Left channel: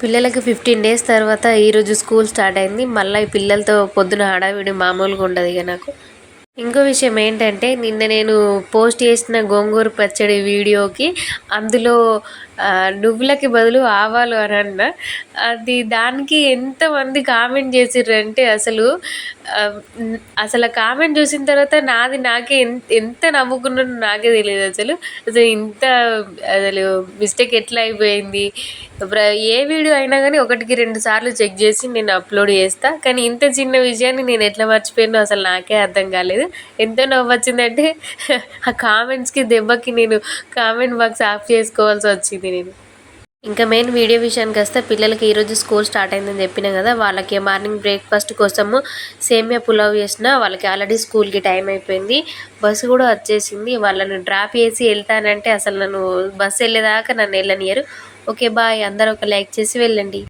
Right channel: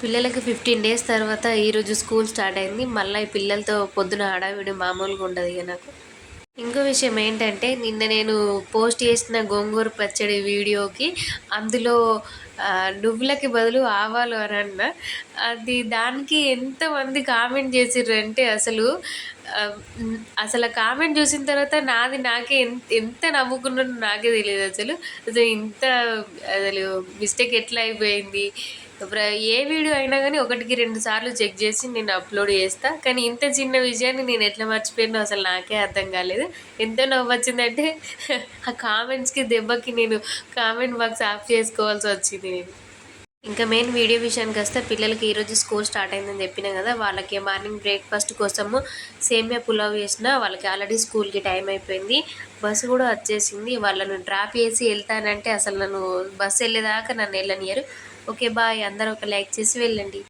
పిల్లలకి 15 డేస్ తర్వాత ఈరోజు స్కూల్ స్టార్ట్ అయింది. మళ్ళీ ఈ పిల్లలతో పొద్దున హడావిడి మామూలుగా ఉండదు ఇక నాకు. ఇంకో విషయం ఏంటంటే నిన్న నేను పోస్ట్ చేసిన గోంగూర పచ్చడి వీడియోకి అందులో నువ్వులకి బదులు ఆవాలు అని అన్న. దానికి ఎంతమంది కామెంట్ చేసిర్రంటే అసలు ఆ కామెంట్ చూసిన తర్వాత నాకే ఎంత నవ్వుకున్నానో నాకే తెలియదు అసలు ఇంత అసలు మిస్టేక్ ఎట్లా అయిపోయింది. ఏ వీడియో అయినా కానీ 1-2 సార్లు చెక్ చేసి నేను అప్లోడ్ చేస్తా. కానీ ఇంత చిన్న విషయాన్ని నేను ఎట్లా మర్చిపోయానో అసలు నాకే అర్థం కాలేదు. ఎంత నవ్వు వచ్చిందంటే ఆ కామెంట్స్కి దెబ్బకి నేను కామెంట్ బాక్స్ ఆఫ్ చేసుకోవాల్సి వచ్చింది నేను. ఇంకా మెయిన్ వీడియో విషయానికి వస్తే పిల్లలకి ఈరోజు స్కూల్ స్టార్ట్ అయిందని చెప్పినా కదా. వాళ్ళకి మార్నింగ్ బ్రేక్ఫాస్ట్ కోసము సేమియా పులావ్ చేసిన. వాళ్ళకి ఆల్రెడీ స్కూల్కి టైం అయిపోయింది. బస్సు కూడా వచ్చేసింది. వాళ్ళని డ్రాప్ చేసి వెళ్తానంటే అసలు నన్ను బస్సు వెళ్ళేదాకా నన్ను వెళ్ళనియరు. ఓకే బాయ్, అందరూ ఒక లైక్ చేసి వెళ్ళండి.